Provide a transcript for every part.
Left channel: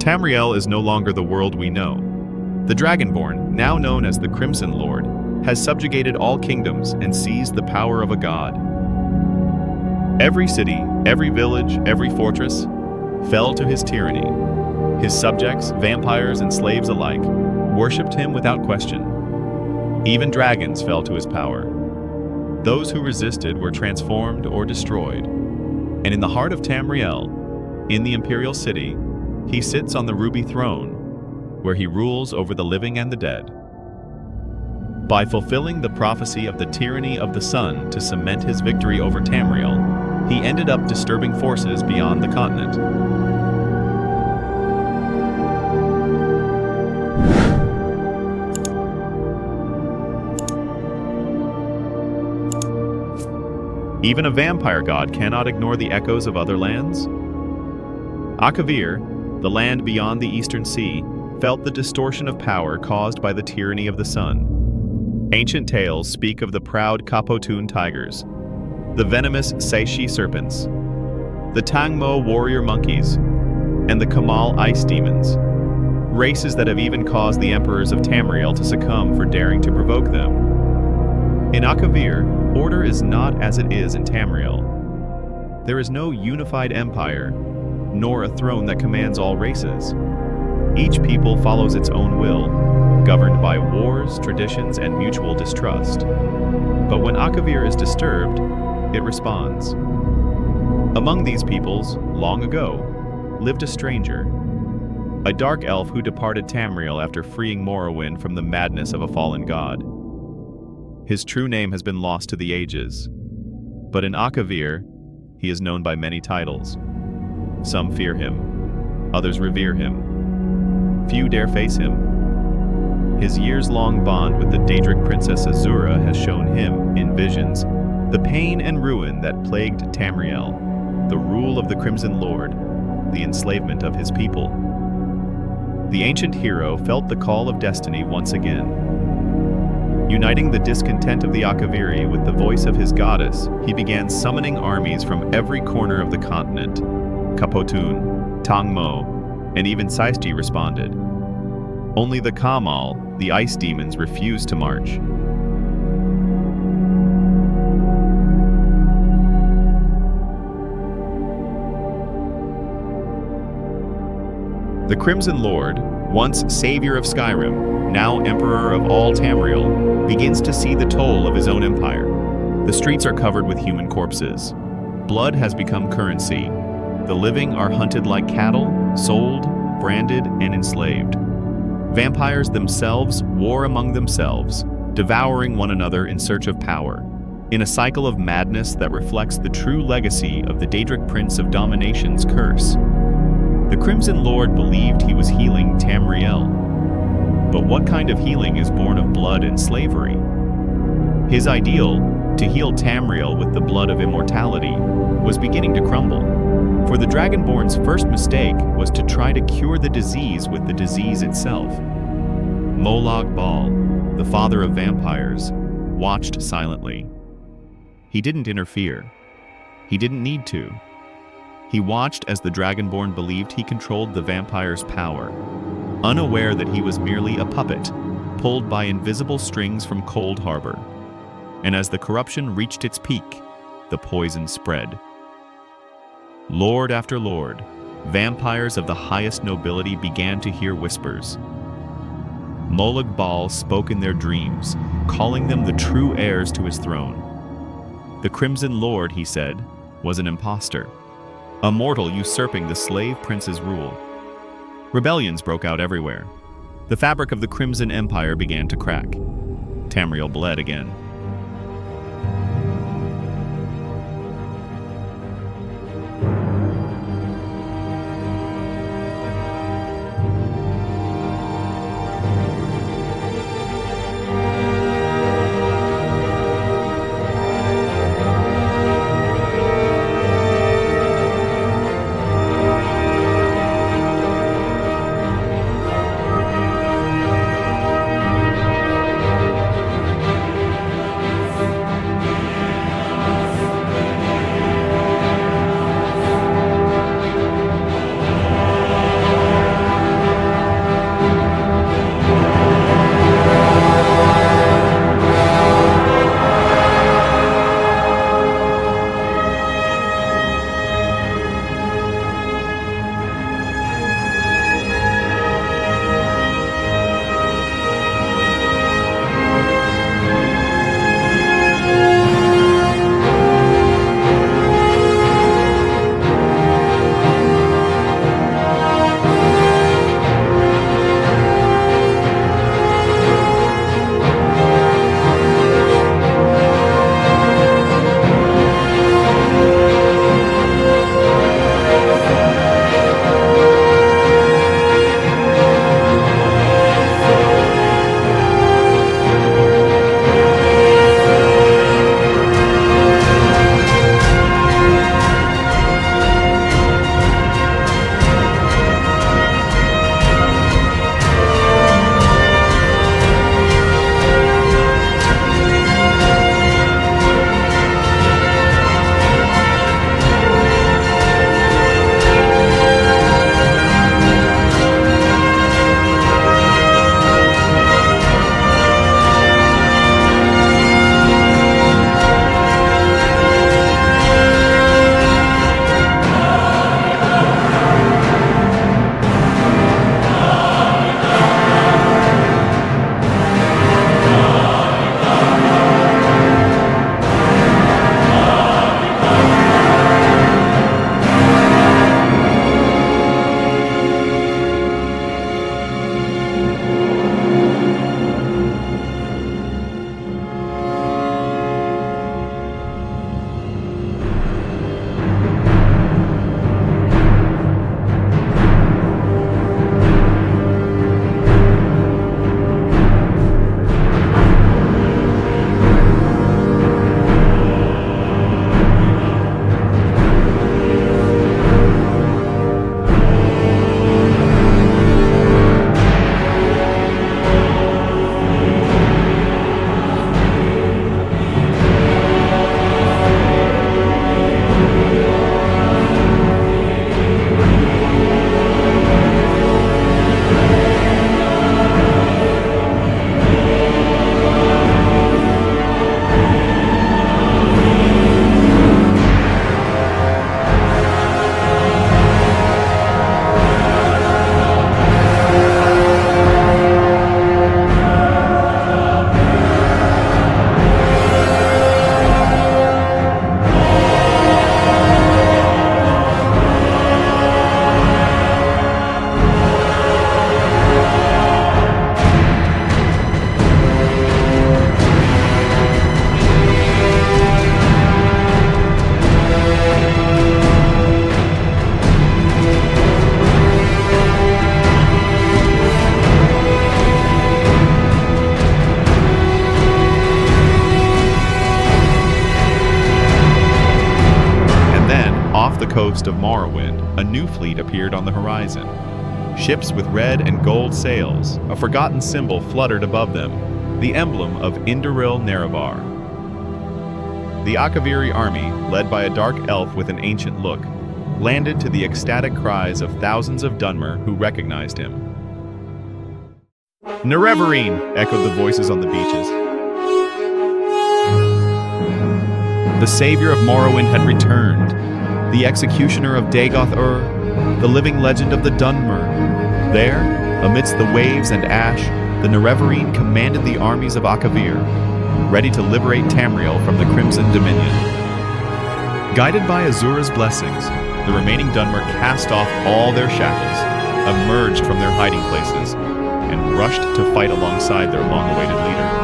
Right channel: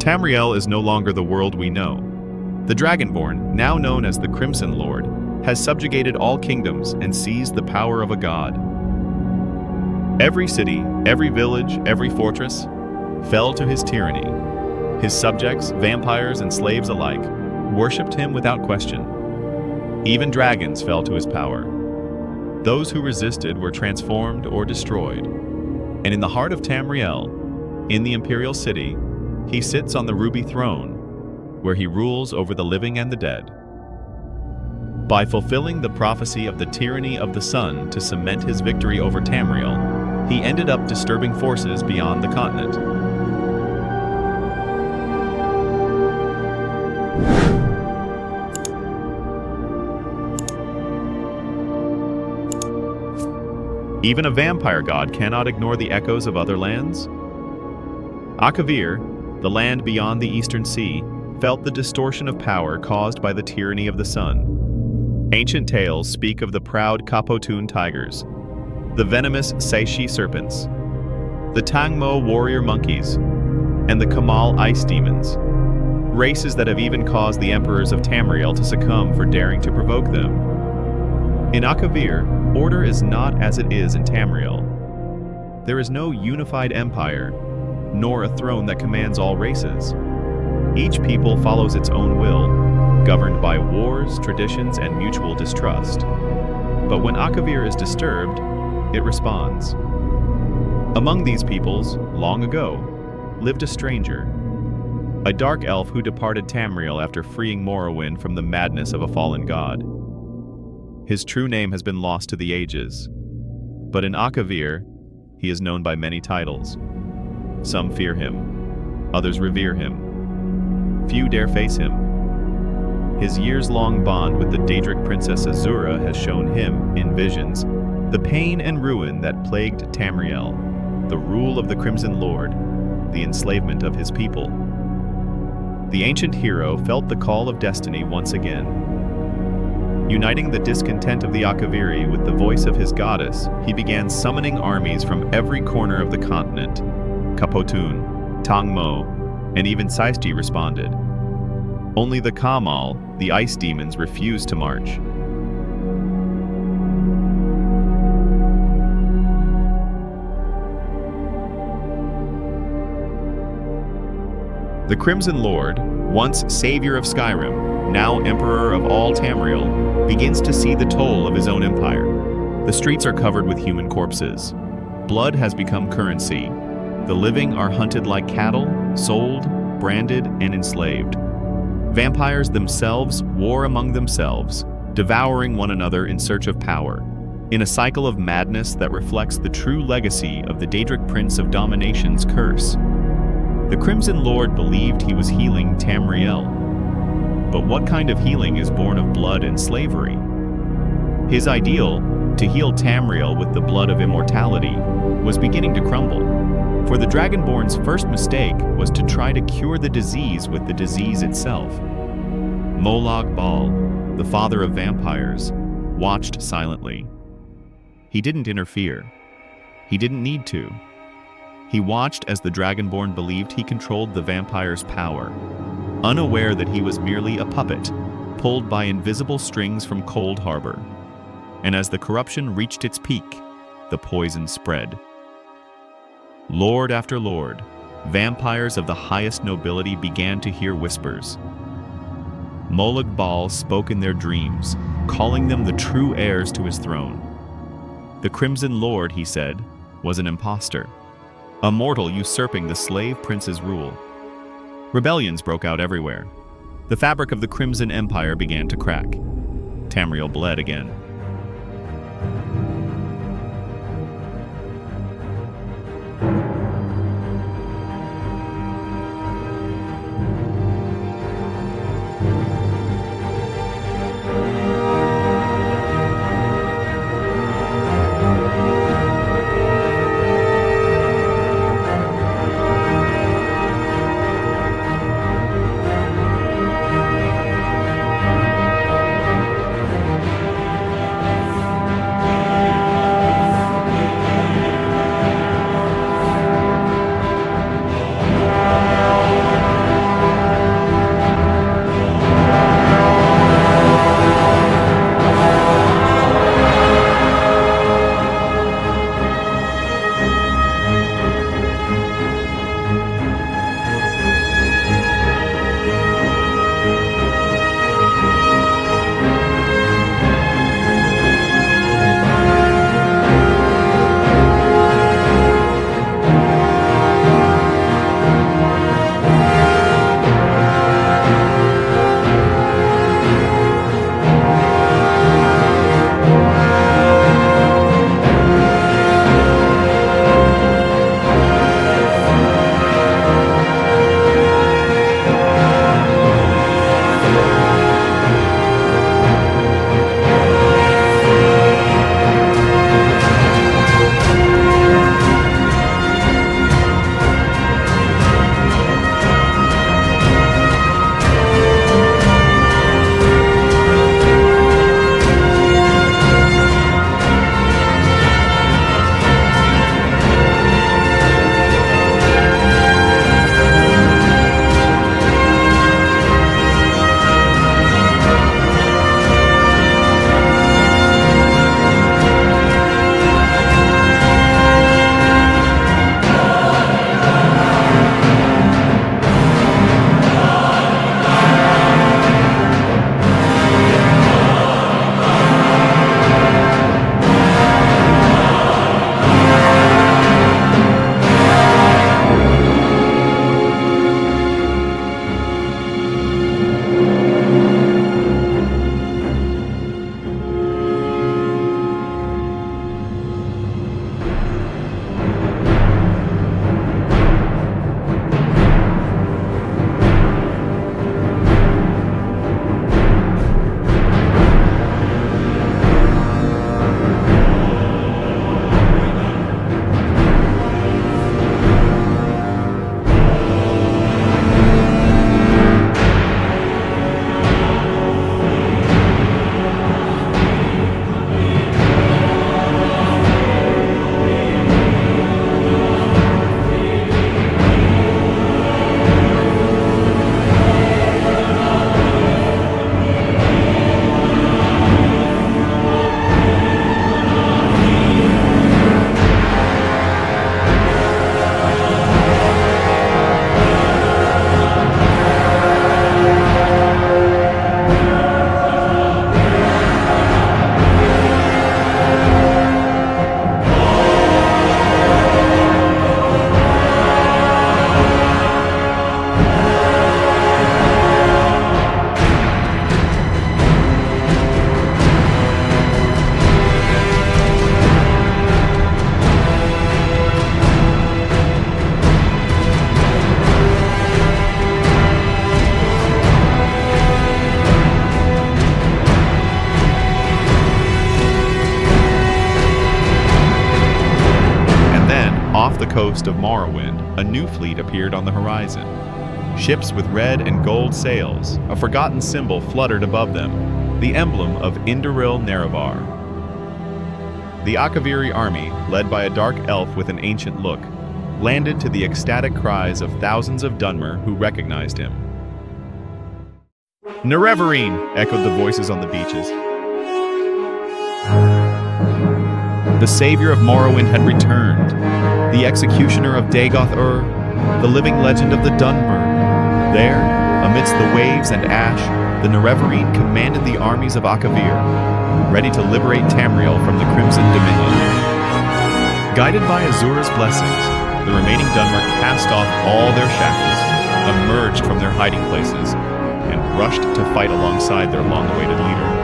Tamriel is no longer the world we know. The Dragonborn, now known as the Crimson Lord, has subjugated all kingdoms and seized the power of a god. Every city, every village, every fortress fell to his tyranny. His subjects, vampires and slaves alike, worshipped him without question. Even dragons fell to his power. Those who resisted were transformed or destroyed. And in the heart of Tamriel, in the Imperial City, he sits on the ruby throne, where he rules over the living and the dead. By fulfilling the prophecy of the tyranny of the sun to cement his victory over Tamriel, he ended up disturbing forces beyond the continent. Even a vampire god cannot ignore the echoes of other lands. Akavir, the land beyond the Eastern Sea, felt the distortion of power caused by the tyranny of the sun. Ancient tales speak of the proud Kapotun tigers, the venomous Seishi serpents, the Tangmo warrior monkeys, and the Kamal ice demons, races that have even caused the emperors of Tamriel to succumb for daring to provoke them. In Akavir, order is not as it is in Tamriel. There is no unified empire, nor a throne that commands all races. Each people follows its own will, governed by wars, traditions, and mutual distrust. But when Akavir is disturbed, it responds. Among these peoples, long ago, lived a stranger, a dark elf who departed Tamriel after freeing Morrowind from the madness of a fallen god. His true name has been lost to the ages, but in Akavir, he is known by many titles. Some fear him, others revere him. Few dare face him. His years-long bond with the Daedric princess Azura has shown him, in visions, the pain and ruin that plagued Tamriel, the rule of the Crimson Lord, the enslavement of his people. The ancient hero felt the call of destiny once again. Uniting the discontent of the Akaviri with the voice of his goddess, he began summoning armies from every corner of the continent. Kapotun, Tangmo, and even Seisti responded. Only the Kamal, the ice demons, refused to march. The Crimson Lord, once savior of Skyrim, now emperor of all Tamriel, begins to see the toll of his own empire. The streets are covered with human corpses. Blood has become currency. The living are hunted like cattle, sold, branded, and enslaved. Vampires themselves war among themselves, devouring one another in search of power, in a cycle of madness that reflects the true legacy of the Daedric Prince of Domination's curse. The Crimson Lord believed he was healing Tamriel. But what kind of healing is born of blood and slavery? His ideal, to heal Tamriel with the blood of immortality, was beginning to crumble. For the Dragonborn's first mistake was to try to cure the disease with the disease itself. Molag Bal, the father of vampires, watched silently. He didn't interfere. He didn't need to. He watched as the Dragonborn believed he controlled the vampire's power, unaware that he was merely a puppet, pulled by invisible strings from Cold Harbor. And as the corruption reached its peak, the poison spread. Lord after lord, vampires of the highest nobility began to hear whispers. Molag Bal spoke in their dreams, calling them the true heirs to his throne. The Crimson Lord, he said, was an imposter, a mortal usurping the slave prince's rule. Rebellions broke out everywhere. The fabric of the Crimson Empire began to crack. Tamriel bled again. coast of Morrowind, a new fleet appeared on the horizon. Ships with red and gold sails, a forgotten symbol fluttered above them, the emblem of Indoril Nerevar. The Akaviri army, led by a dark elf with an ancient look, landed to the ecstatic cries of thousands of Dunmer who recognized him. "Nerevarine!" echoed the voices on the beaches. The savior of Morrowind had returned, the executioner of Dagoth-Ur, the living legend of the Dunmer. There, amidst the waves and ash, the Nerevarine commanded the armies of Akavir, ready to liberate Tamriel from the Crimson Dominion. Guided by Azura's blessings, the remaining Dunmer cast off all their shackles, emerged from their hiding places, and rushed to fight alongside their long-awaited leader.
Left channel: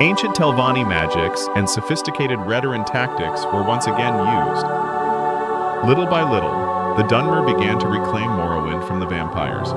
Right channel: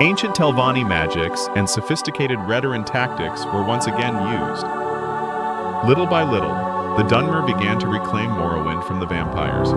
Ancient Telvanni magics and sophisticated Redoran tactics were once again used. Little by little, the Dunmer began to reclaim Morrowind from the vampires.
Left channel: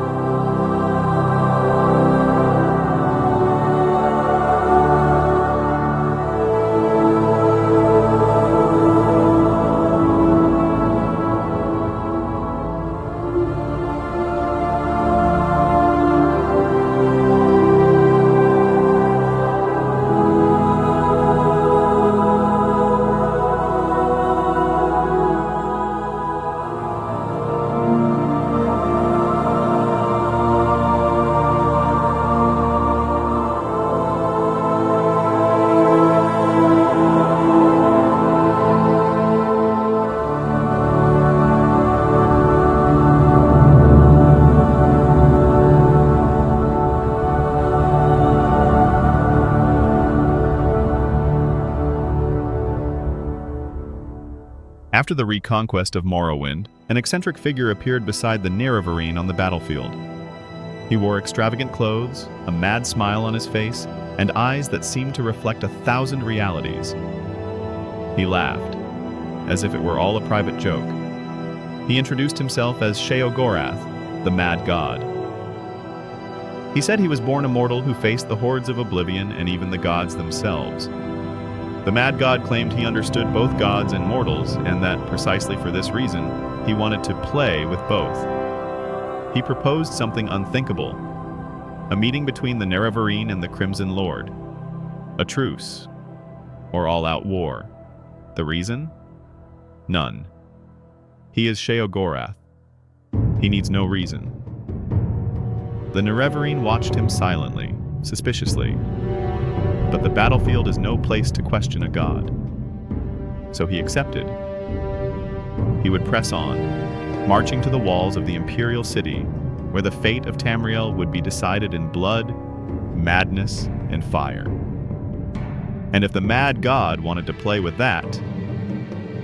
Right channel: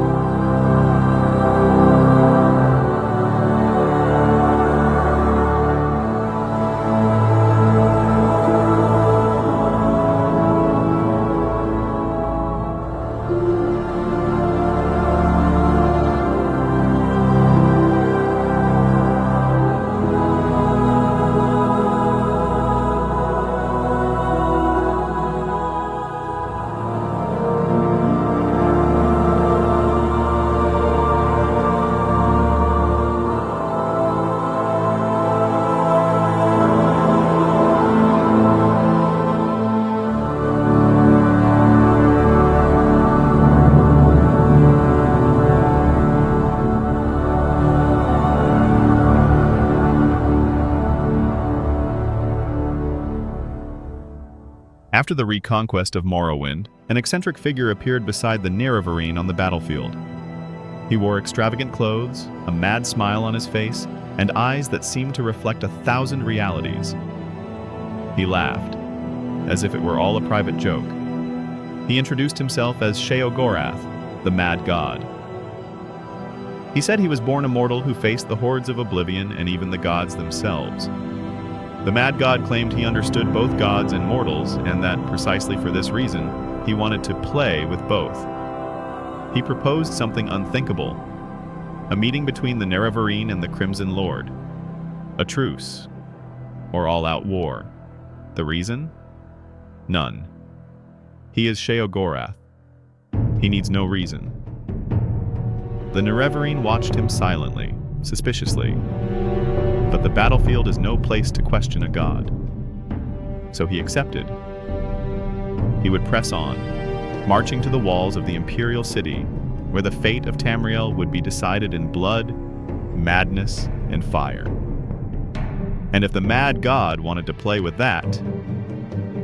After the reconquest of Morrowind, an eccentric figure appeared beside the Nerevarine on the battlefield. He wore extravagant clothes, a mad smile on his face, and eyes that seemed to reflect 1,000 realities. He laughed, as if it were all a private joke. He introduced himself as Sheogorath, the Mad God. He said he was born a mortal who faced the hordes of oblivion and even the gods themselves. The Mad God claimed he understood both gods and mortals, and that, precisely for this reason, he wanted to play with both. He proposed something unthinkable, a meeting between the Nerevarine and the Crimson Lord. A truce, or all-out war. The reason? None. He is Sheogorath. He needs no reason. The Nerevarine watched him silently, suspiciously. But the battlefield is no place to question a god. So he accepted. He would press on, marching to the walls of the imperial city, where the fate of Tamriel would be decided in blood, madness, and fire. And if the Mad God wanted to play with that,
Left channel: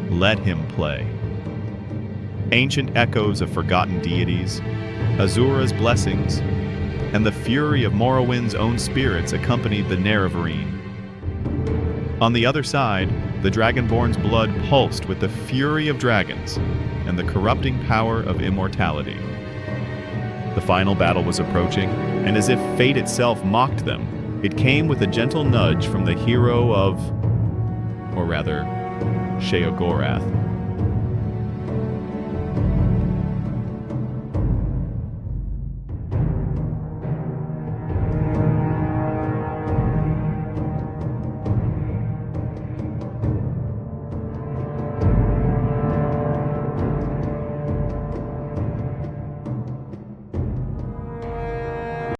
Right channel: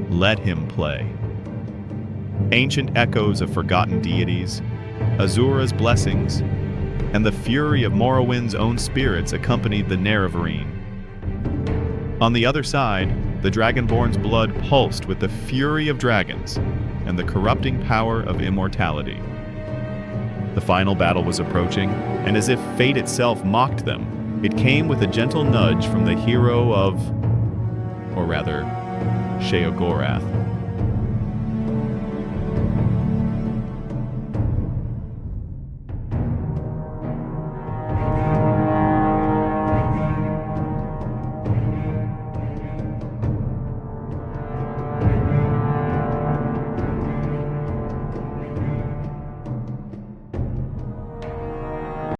let him play. Ancient echoes of forgotten deities, Azura's blessings, and the fury of Morrowind's own spirits accompanied the Nerevarine. On the other side, the Dragonborn's blood pulsed with the fury of dragons and the corrupting power of immortality. The final battle was approaching, and as if fate itself mocked them, it came with a gentle nudge from the hero of, or rather, Sheogorath.